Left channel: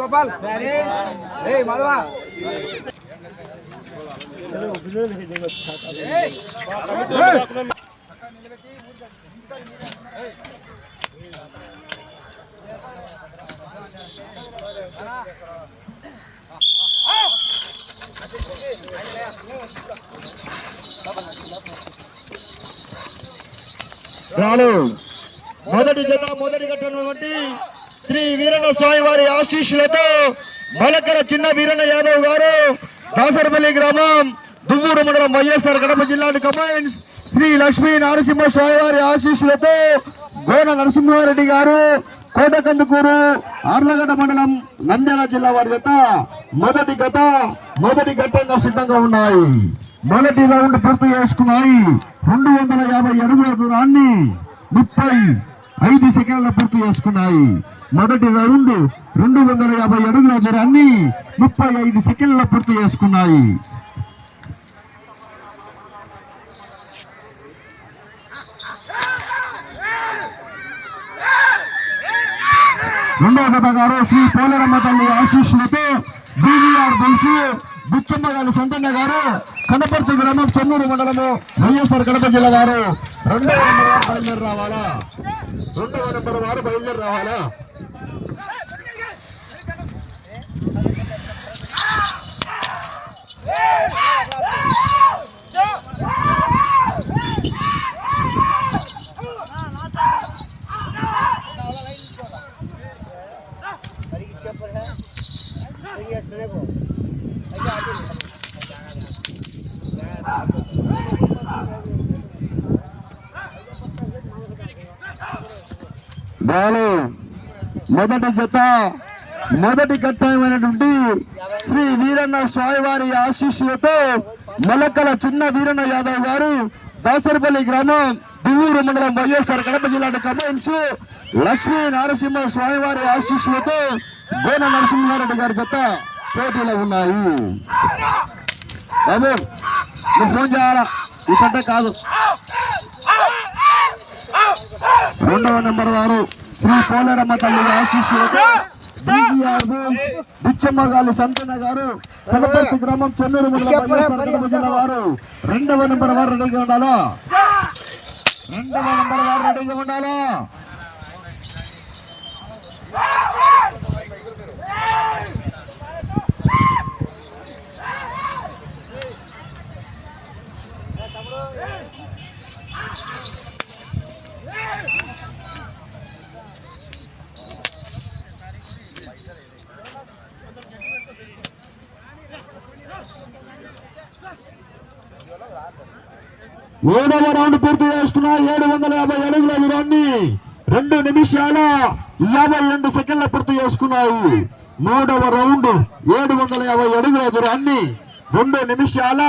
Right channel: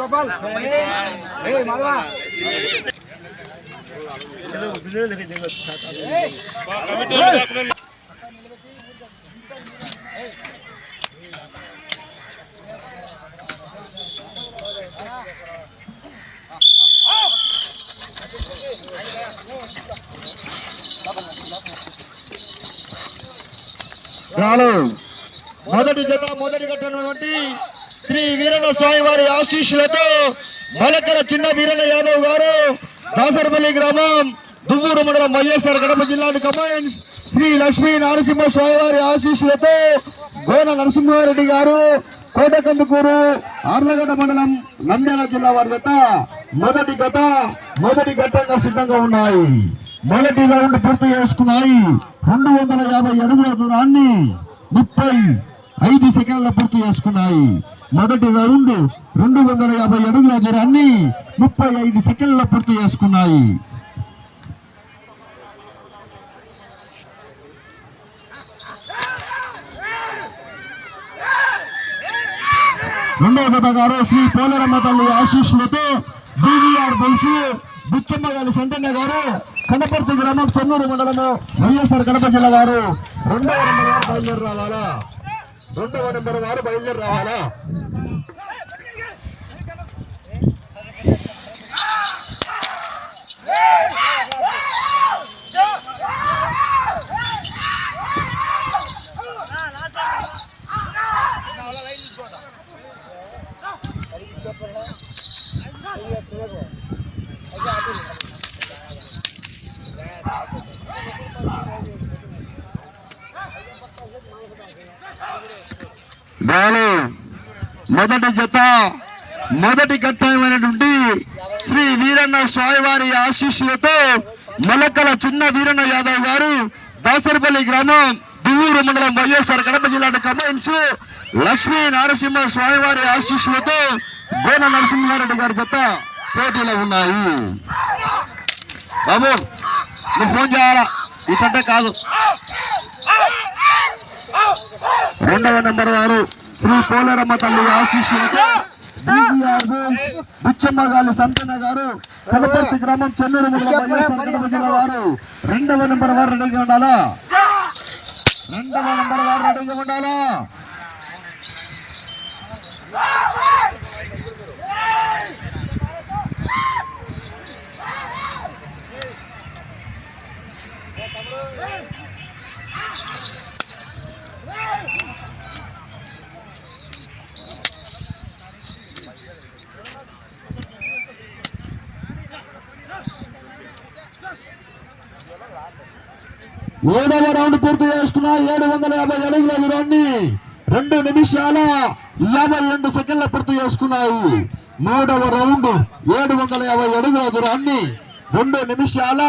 गोपाल माधवा మొదటి జత మొదటి కట్టినటువంటి శ్రీ వీరన్న స్వామి వారి ఆశీస్సులతో మలకర చిన్న వీరన్న యాదవ్ గారు దాసరపల్లి గ్రామం దువ్వూరు మండలం వైఎస్ఆర్ కడప జిల్లా కమాండ్స్ శ్రీ లక్ష్మీ నరసింహ స్వామి వారి ఆశీస్సులతో గోన నరసింహారెడ్డి గారు కోటకందుకూరు ఆర్లగడ్డ మండలం నంద్యాల జిల్లా వారి జత మొదటి ఘట్టంగా సిద్ధంగా ఉన్నాయి. మొదటి రౌండ్ పూర్తి చేసుకున్నాయి. 250 అడుగుల దూరాన్ని 35 సెకండ్ల పూర్తి చేసుకున్నాయి. మొదటి రౌండ్ 250 అడుగుల దూరాన్ని 35 సెకండ్ల పూర్తి చేసుకున్నాయి. రెండవ జత గారు శ్రీ పోలరమ్మ తల్లి ఆశీస్సులతో బీవీఆర్ బుల్సు బుచ్చమ్మగాలి సంతన్న గారు కనపర్తి గ్రామం చెన్నూరు మండలము వైఎస్ఆర్ కడప జిల్లా వారు రెండవ నెంబర్ వారు బయలుదేరి రావాలా మొదటి జత మొదటి ఘట్టమైనటువంటి శ్రీ వీరన్న స్వామివారి ఆశీస్సులతో మలకల చిన్న వీరన్న యాదవ్ గారు దాసరపల్లి గ్రామం దువ్వూరు మండలం వైఎస్ఆర్ కడప జిల్లా కమాండ్స్ లక్ష్మీ నరసింహ స్వామివారి ఆశీస్సులతో గోన నరసింహారెడ్డి గారి జత పోటీలో ఉన్నాయి. బాబు నువ్వు ఫోన్ చేయాలా ఇటంటే కాదు. రెండవ నెంబర్ వారు శ్రీ పోలరమ్మ తల్లి ఆశీస్సులతో బుచ్చమ్మగాలి సంతన్న గారు కనపర్తి గ్రామం చెన్నూరు మండలం వైఎస్ఆర్ కడప జిల్లా వారు రెండవ నెంబర్ వారు రెడీగా ఉండాలా. ఏడవ రౌండ్ పూర్తి చేసుకున్న 750 అడుగుల దూరాన్ని 2 నిమిషాల 52 సెకండ్ల పూర్తి చేసుకున్నాయి. మూడవ రౌండ్ 750 అడుగుల దూరాన్ని 2 నిమిషాల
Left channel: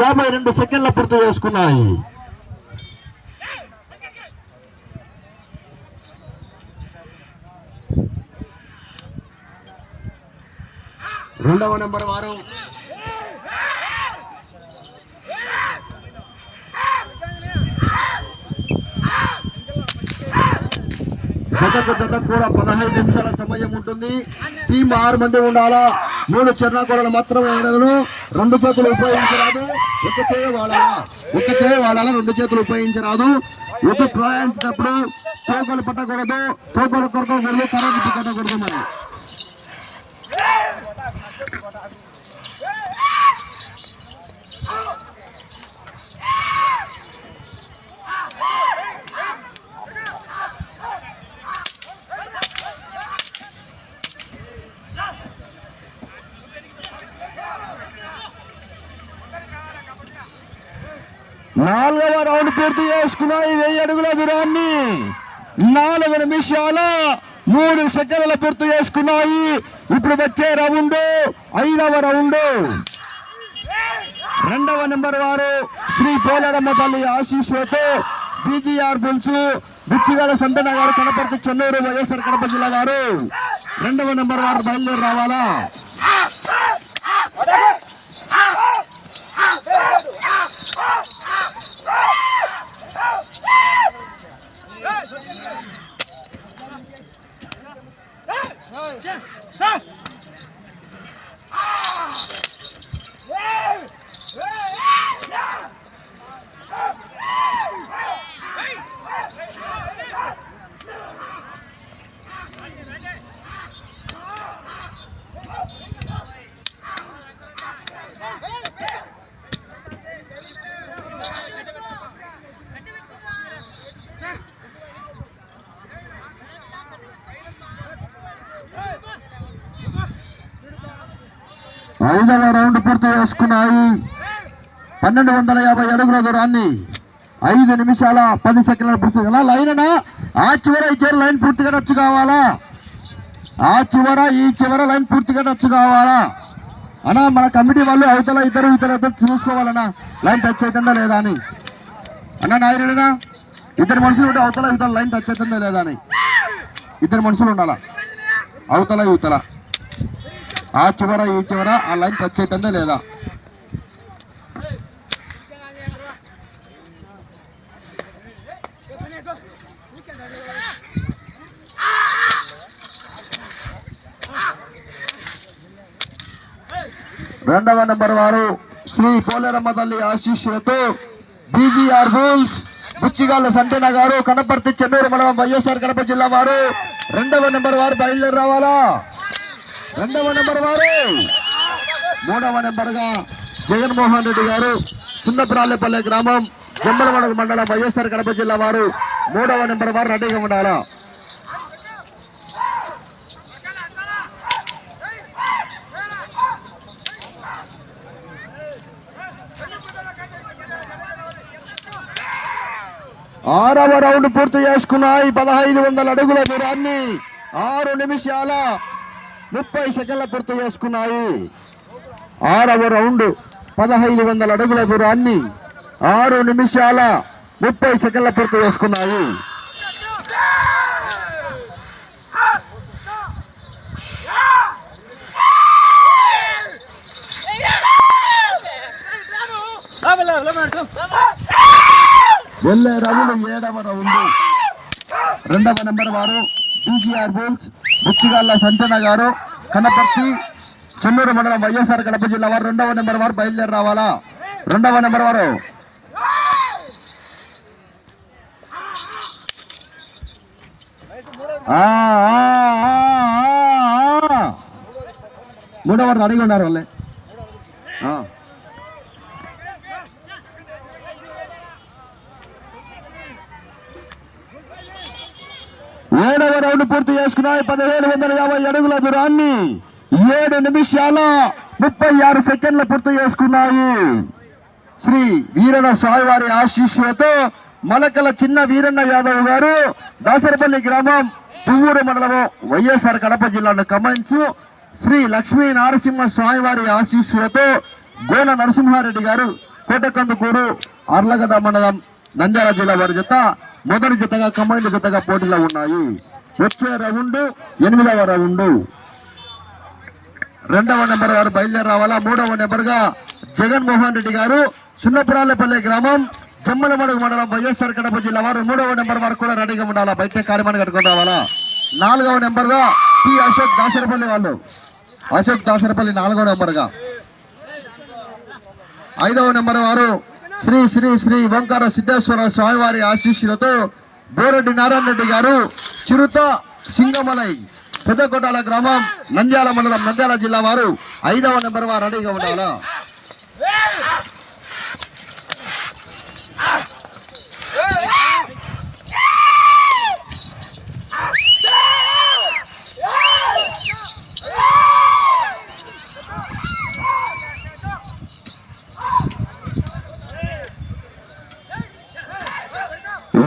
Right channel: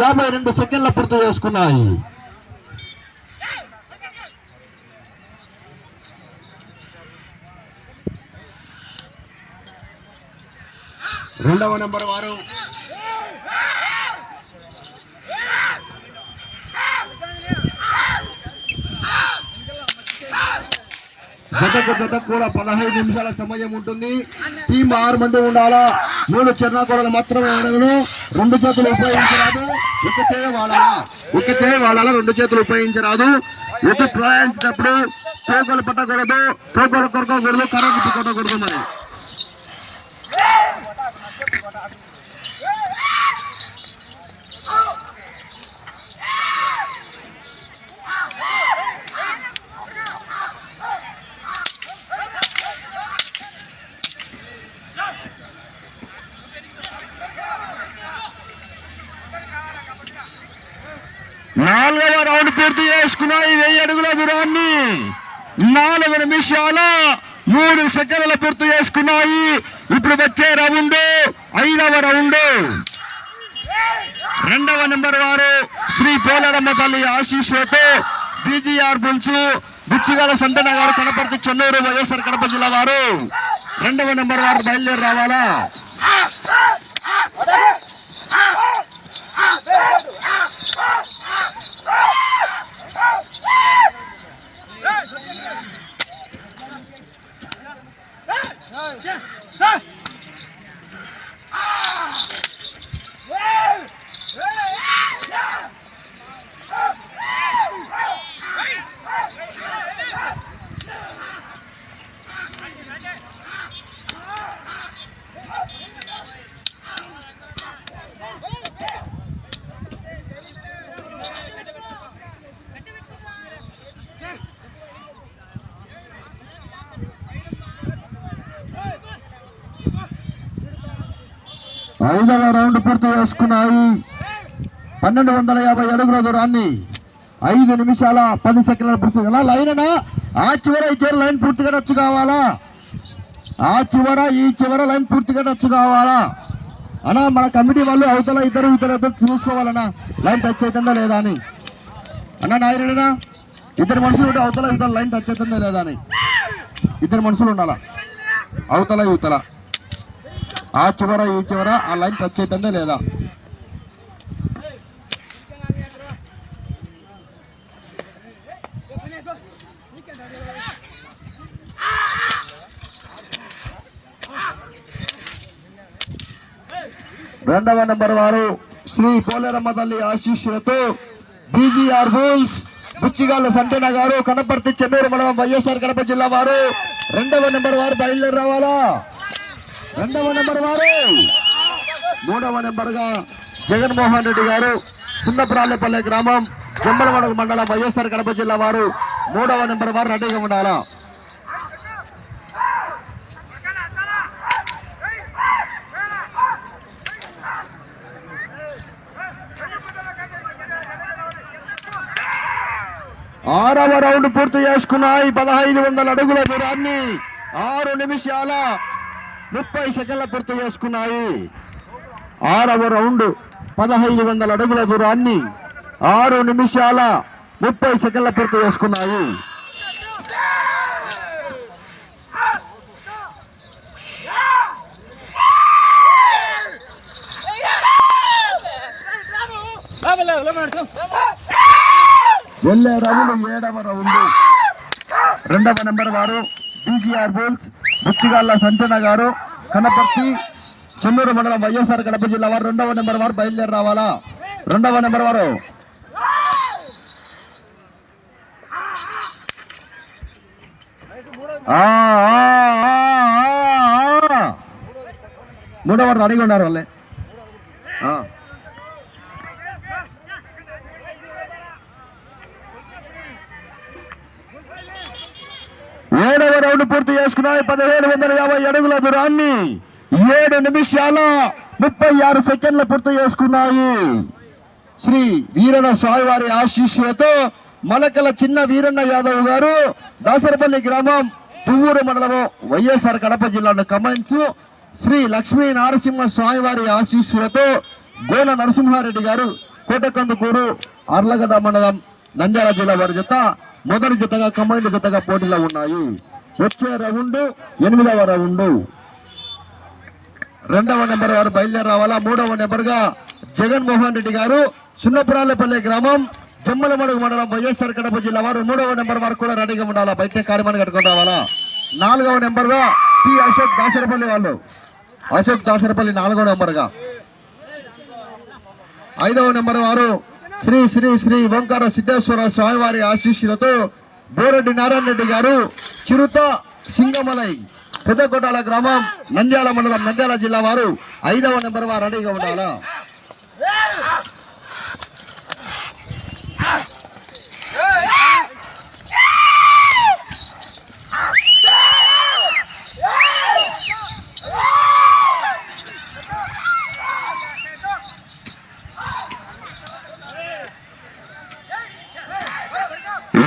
52 సెకండ్ల పూర్తి చేసుకున్నాయి. రెండవ నెంబర్ వారు జత కూడా 15 నిమిషాల సమయం ఉంటుంది. టీం 6 మంది ఉండాలా. 3 చెర్నాకోడలు మాత్రమే ఆడలను. 2 చేతులు ఉపయోగించరాదు. ఒక చేయ వాడాలా 2 చేతులు ఉపయోగించరాదు. ఎటు ప్రయాణించేటప్పుడు తోకలు పట్టకూడదు, తోకలు కొరకకూడదు, కరెంట్ కొట్టకూడదు. మరి 4వ రౌండ్ పూర్తి చేసుకున్నాయి. 1000 అడుగుల దూరాన్ని 4 నిమిషాల 3 సెకండ్ల పూర్తి చేసుకున్నాయి. ఇప్పుడు వచ్చే రౌండ్ 5వ రౌండ్. రెండవ నెంబర్ వారు శ్రీ పోలరమ్మ తల్లి ఆశీస్సులతో బీజీఆర్ బుల్స్ బుచ్చిగాల సంతన గారు కనపర్తి చెన్నూరు వైఎస్ఆర్ కడప జిల్లా వారు రెండవ నెంబర్ వారు బయలుదేరి రావాలా. ఐదవ రౌండ్ పూర్తి చేసుకున్నాయి. 1250 అడుగుల దూరాన్ని 5 నిమిషాల 10 సెకండ్ల పూర్తి కదా. లైన్ అన్నా ఆ చివర ఈ చివర లైన్ పూర్తిగా టచ్ కావాలా, ఆ చివర ఈ చివర లైన్ పూర్తిగా టచ్ కావాలా అన్నా. మన కమిటీ వాళ్ళు అవతల ఇద్దరు చూసుకోవాలన్నా లైన్ టచ్ అవుతుందా లేదా అని. అన్నా నాయనా ఇద్దరు మనుషులు ఉంటే అవతల లైన్ టచ్ అవుతుందా లేదా అని ఇద్దరు మనుషులు ఉండాలా. అవతల యువతల ఆ చివర ఈ చివర ఆ లైన్ టచ్ అవుతుందా లేదా. రెండవ నెంబర్ వారు శ్రీ పోలేరమ్మ తల్లి ఆశీస్సులతో బీజీఆర్ బుల్స్ బుచ్చిగాళ్ళ సంతన గారు, కనపర్తి చెన్నూరు మండలం వైఎస్ఆర్ కడప జిల్లా వారు. రెండవ నెంబర్ వారు బయలుదేరి రావాలా. రెండవ నెంబర్ వారు. మూడవ నెంబర్ గా జగన్మోహన్ రెడ్డి గారు, సున్నపురాళ్ళపల్లె గ్రామం, జమ్మలమడుగు మండలం వైఎస్ఆర్ కడప జిల్లా వారు. మూడవ నెంబర్ వారు రెడీగా ఉండాలా. ఆరవ రౌండ్ పూర్తి చేసుకున్నాయి. 1500 అడుగుల దూరాన్ని 6 నిమిషాల 30 సెకండ్ల పూర్తి చేసుకున్నాయి. ఆరవ రౌండ్ 1500 అడుగుల దూరాన్ని 6 నిమిషాల 30 సెకండ్ల పూర్తి చేసుకున్నాయి. వెళ్ళే రౌండ్ 7వ రౌండ్. రెండవ నెంబర్ వారు బీజీఆర్ బుల్స్ బుచ్చిగాళ్ళ సంతన గారు, కనపర్తి చెన్నూరు మండలం వైఎస్ఆర్ కడప జిల్లా వారు. రెండవ నెంబర్ వారు బయలుదేరి రావాలా. రెండవ నెంబర్ వారు. మూడవ వారు అడిగి ఉన్నారు వాళ్ళే. 7వ రౌండ్ పూర్తి చేసుకున్నాయి. 1750 అడుగుల దూరాన్ని 7 నిమిషాల 36 సెకండ్ల పూర్తి చేసుకున్నాయి. శ్రీ వీరన స్వామివారి ఆశీస్సులతో మలకల చిన్న వీరన్న యాదవ్ గారు, దాసరపల్లి గ్రామం, తువ్వూరు మండలము, వైఎస్ఆర్ కడప జిల్లా కమెంట్స్. శ్రీ లక్ష్మీ నరసింహ స్వామివారి ఆశీస్సులతో గోన నరసింహారెడ్డి గారు, కోటకందుకూరు, అర్లగడ్డ మండలం, నంద్యాల జిల్లా వారి జత మొదటి జతగా కమాండ్ జతగా పోటీలో ఉన్నాయి. వచ్చే రౌండ్ 8వ రౌండ్. రెండవ నెంబర్ వారు బయలుదేరి రావాలా. మూడవ నెంబర్ గా జగన్మోహన్ రెడ్డి గారు, సున్నపురాళ్ళపల్లె గ్రామం, జమ్మలమడుగు మండలం, వైఎస్ఆర్ కడప జిల్లా వారు. 3వ నెంబర్ వరకు కూడా రెడీగా ఉండాలా, బయట కార్యమాన్ని కట్టుకుని రావాలా. 4వ నెంబర్ గా పి అశోక్ దాసరపల్లి వాళ్ళు, అశోక్ దాసరపల్లి 4వ నెంబర్ గా. 5వ నెంబర్ వారు శ్రీ శ్రీ శ్రీ ఓంకార సిద్ధేశ్వర స్వామివారి ఆశీస్సులతో బోరెడ్డి నారాయణ రెడ్డి గారు, చిరుత సింగమలై, పెద్దకోటాల గ్రామం, నంద్యాల మండలం, నంద్యాల జిల్లా వారు. 5వ నెంబర్ వారు రెడీగా ఉండాలా.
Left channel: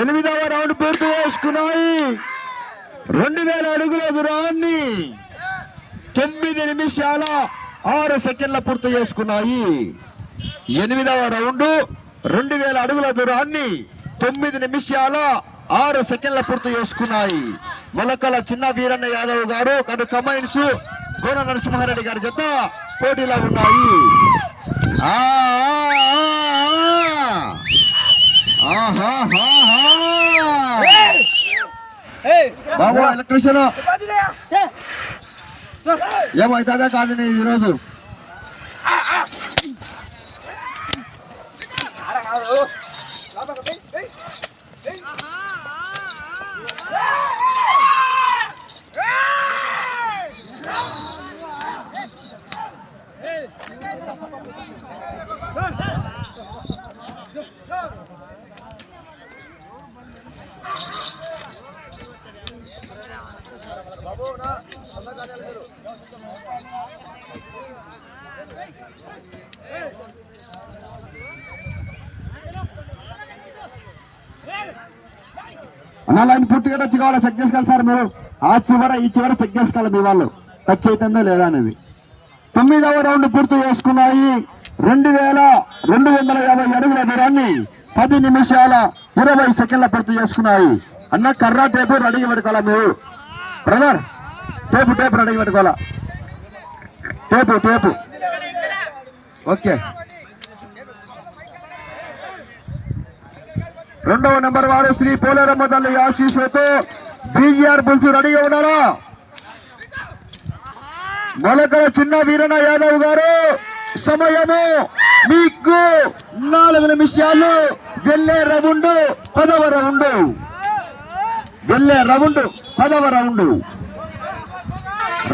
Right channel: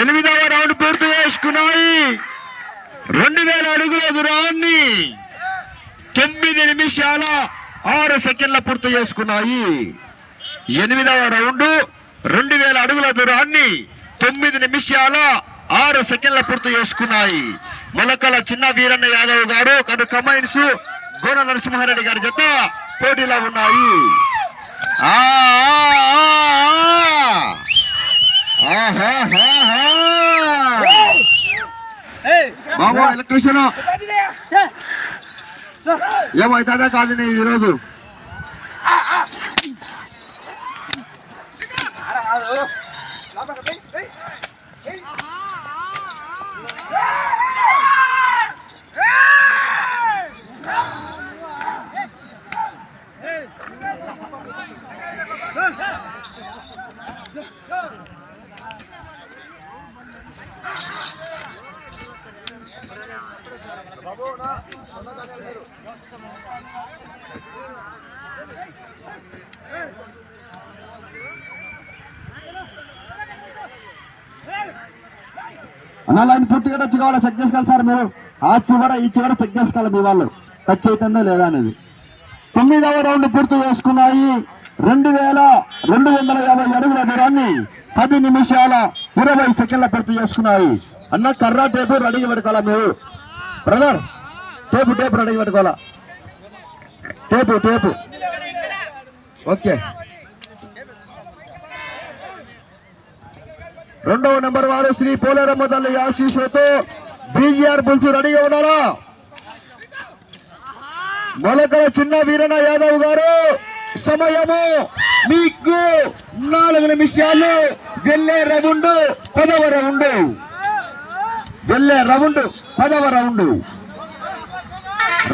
ఎనిమిదవ రౌండ్ పూర్తి చేసుకున్నాయి. 2000 అడుగుల దూరాన్ని 9 నిమిషాల 6 సెకండ్ల పూర్తి చేసుకున్నాయి. 8వ రౌండ్ 2000 అడుగుల దూరాన్ని 9 నిమిషాల 6 సెకండ్ల పూర్తి చేసుకున్నాయి. మొలకల చిన్న వీరన్న యాదవ్ గారు, కను కమైన్స్, గోన నరసింహారెడ్డి గారి జత పోటీలో ఉన్నాయి. బాబా ఎలక్ట్రీషియన్ ఏమవుతుందా కాదు నీ ఈరోజు అన్న లైన్ పూర్తిగా టచ్ కావాలా చెక్ చేసుకోవాలి సార్ మీరు ఆ చివర ఈ చివర చెక్ చేసుకోవాలి మీ వాళ్ళు టచ్ అవుతుందో లేదా అనేది 9వ రౌండ్ పూర్తి చేసుకున్నాయి 2250 అడుగుల దూరాన్ని 10 నిమిషాల 20 సెకండ్ల పూర్తి చేసుకున్నాయి అన్న కర్ర టేపు రెడీ పెట్టుకోవాలా మీరు బ్రదర్ టేపు రెడీ పెట్టుకోవాలా టేపు ఓకే 2వ నెంబర్ వారు శ్రీ పోలేరమ్మ తల్లి ఆశీస్సులతో బీజీఆర్ బుల్స్ రెడీగా ఉన్నారా మొలకల చిన్న వీరన్న యాదవ్ గారు సమయము మీకు 4 నిమిషాలు వెళ్ళే రౌండ్ 10వ రౌండ్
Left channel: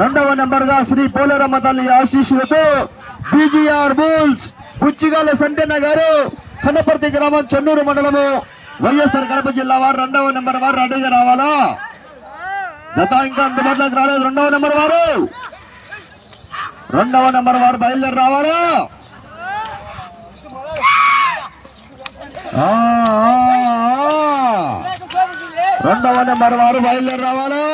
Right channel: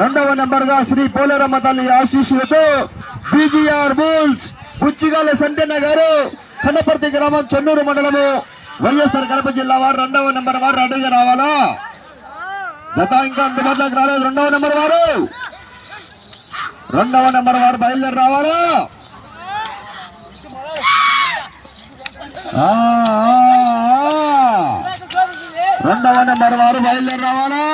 2వ నెంబర్ గా శ్రీ పోలేరమ్మ తల్లి ఆశీస్సులతో బీజీఆర్ బుల్స్ పుచ్చిగాల సంటెన్న గారు కన్నపర్తి గ్రామం చెన్నూరు మండలము వైఎస్ఆర్ కడప జిల్లా వారు 2వ నెంబర్ వారు రెడీగా రావాలా జత ఇంకా అందుబాటులోకి రాలేదు 2వ నెంబర్ వారు బయలుదేరి రావాలా 2వ నెంబర్ వారు బయలుదేరి రావాలా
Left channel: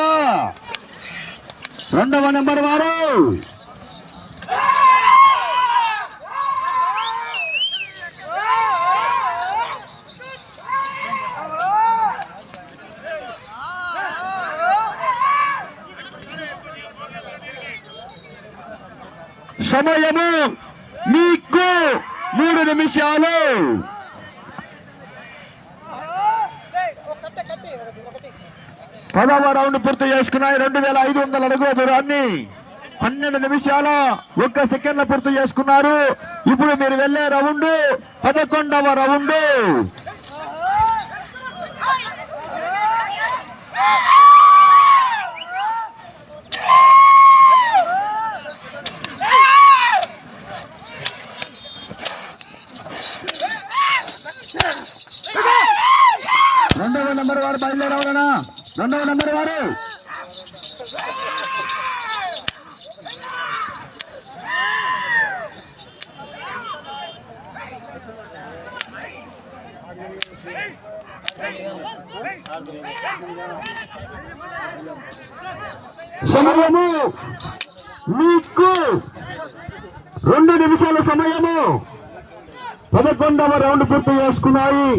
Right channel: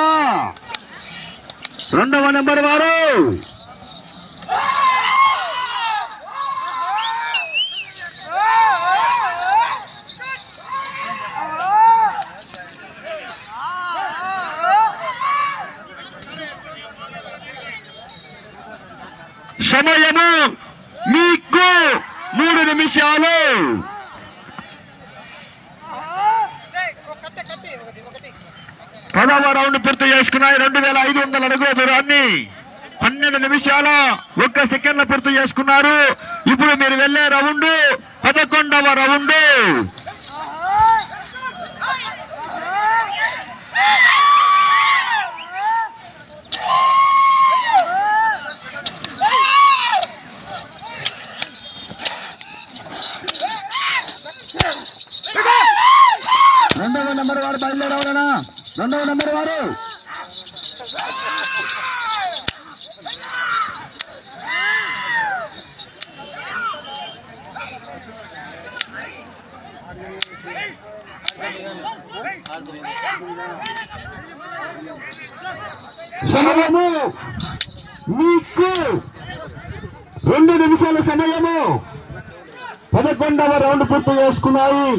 2వ నెంబర్ వారు సమయము మీకు 3 నిమిషాలు 10వ రౌండ్ పూర్తి చేసుకున్నాయి 2500 అడుగుల దూరాన్ని 12 నిమిషాల 1 సెకండ్ల పూర్తి చేసుకున్నారు ఇప్పుడు మీరు వెళ్ళే రౌండ్ 11వ రౌండ్ రెండవ నెంబర్ వారు బయలుదేరవాలనా 2వ నెంబర్ వారు సమయము మీకు 2 నిమిషాల సమయము 11వ రౌండ్ పూర్తి చేసుకున్నాయి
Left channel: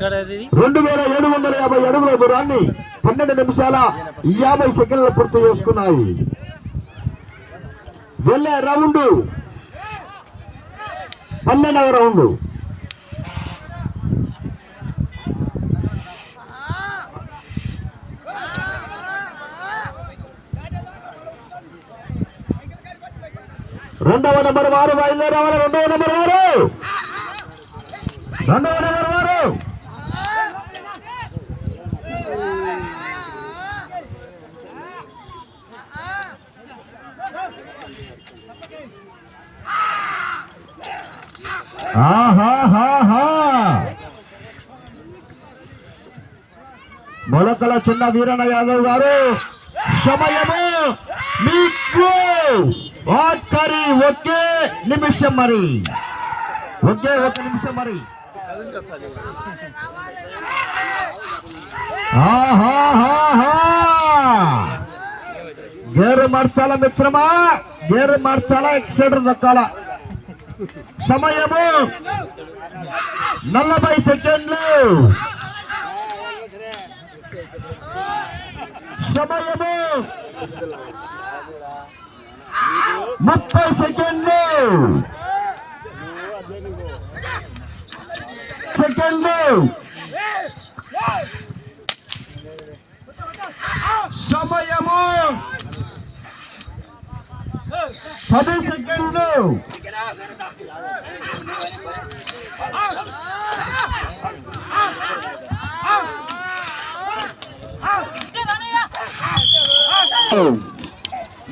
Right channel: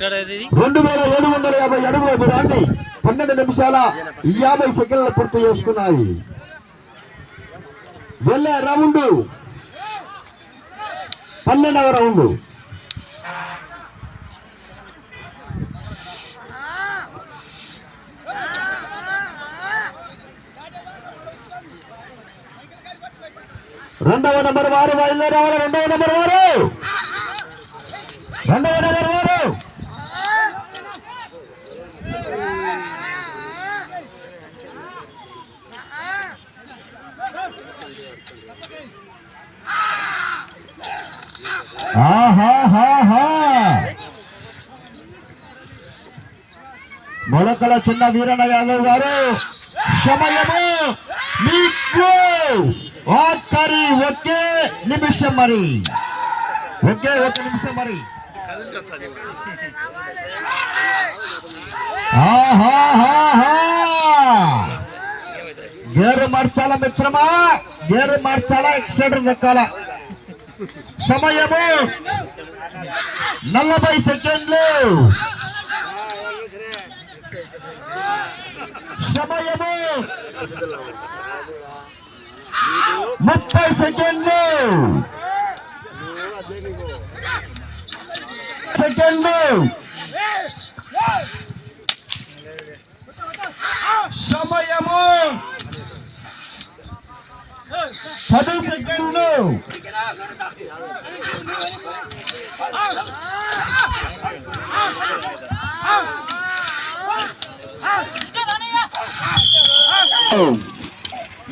2750 అడుగుల దూరాన్ని 12 నిమిషాల 50 సెకండ్ల పూర్తి చేసుకున్నాయి వెళ్ళే రౌండ్ 12వ రౌండ్ రెండవ నెంబర్ వారు బయలుదేరావాలి 2వ నెంబర్ వారు మొలకల చిన్న వీరన్న యాదవ్ గారు సమయము మీకు ఆఖరి ఒకే నిమిషం మరి ఒకే 1 నిమిషం మరి గేరు మార్చాల మిత్రమా గేరు మార్చాల ఎక్సైటర్ దక్కాల సమయము 40 సెకండ్లు సమయము 30 సెకండ్లు సమయము 10 సెకండ్లు.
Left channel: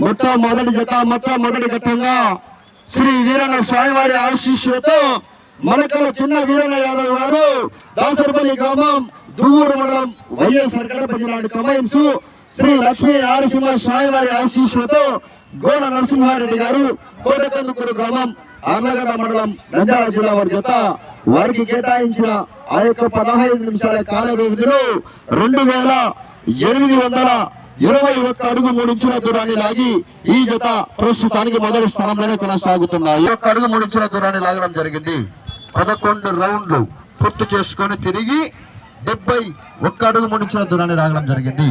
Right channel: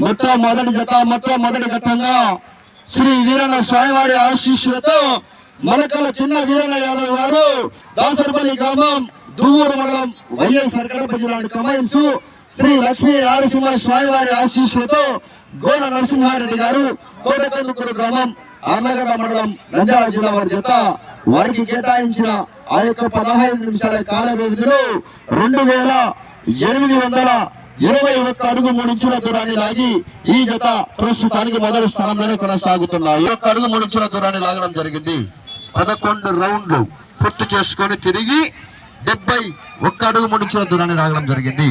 మొట్టమొదటి జత మొట్టమొదటి ఘట్టంగా శ్రీ వీరన్న స్వామివారి ఆశీస్సులతో మనకల చిన్న వీరన్న యాదవ్ గారు దాసరపల్లి గ్రామం దువ్వూరు మండలం వైఎస్ఆర్ కడప జిల్లా కమైన్స్ శ్రీ లక్ష్మీ నరసింహ స్వామివారి ఆశీస్సులతో గోడ నరసింహారెడ్డి గారు కోటకందుకూరు గ్రామం ఆర్లగడ్డ మండలం నంద్యాల జిల్లా వారి జత వారికి కేటాయించిన ఆ యొక్క 15 నిమిషాల కాల వ్యవధిలో 2821 అడుగు 3 ఇంచుల దూరాన్ని లాగి ఈ జత ప్రస్తుతానికి మొదటి స్థానంలోనే కొనసాగుతున్నాయి. 1 అడుగు 3 ఇంచుల దూరాన్ని లాగడం జరిగింది. 11 రౌండ్లు పూర్తి చేసుకొని తిరిగి 71 అడుగు 3 ఇంచుల దూరాన్ని లాగడం జరిగింది.